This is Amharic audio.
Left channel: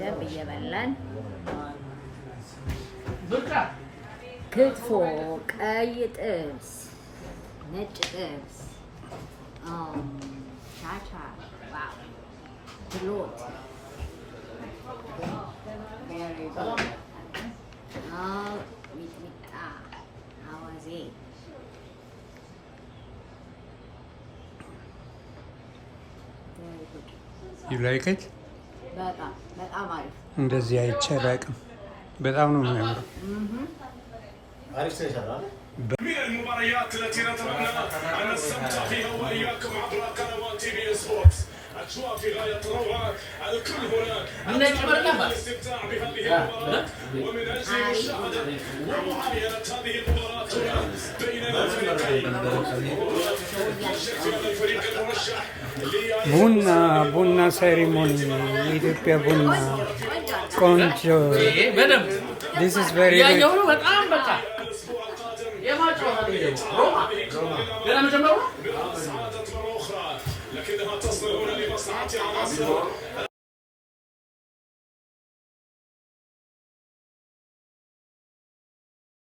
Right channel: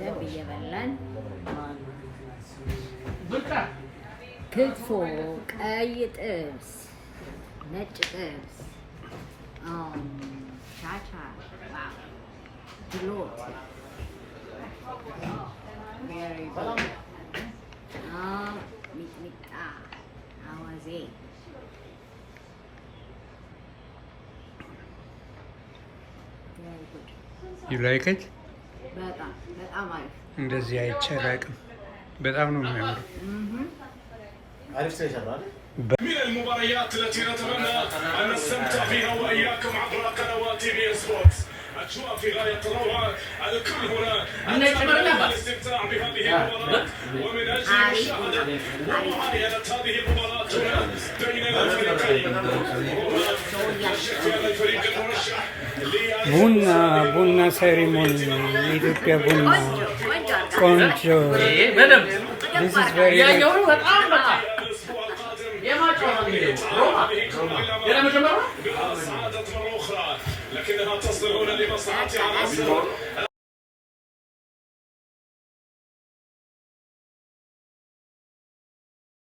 ደንብ እየበላን ክትፎ፣ ቀይ ጥብስ፣ ነጭ ጥብስ፣ ሻቻ፣ ዋው ድሎት ሚጥሚጣ፣ አዋዜ You like it? በጣም አሪፍ እንደዚህ አይቻላቅም በጣም ነው የሚያምረው من المباريات التي نتمنى أن نستمتع بها وإياكم عبر قنوات بي سبورت أجواء في غاية الروعة الكل هنا الاستمتاع بهذه المباراة ومن أجل مشاهدة ومعاينة هذه المباراة هنا بين الفريقين هذا الفريق المرشح ቡና ሴሪሞኒ የኢትዮጵያ ቡና ቆንጆ This is very good. لكنها تصل هنا لمصلحة العناصر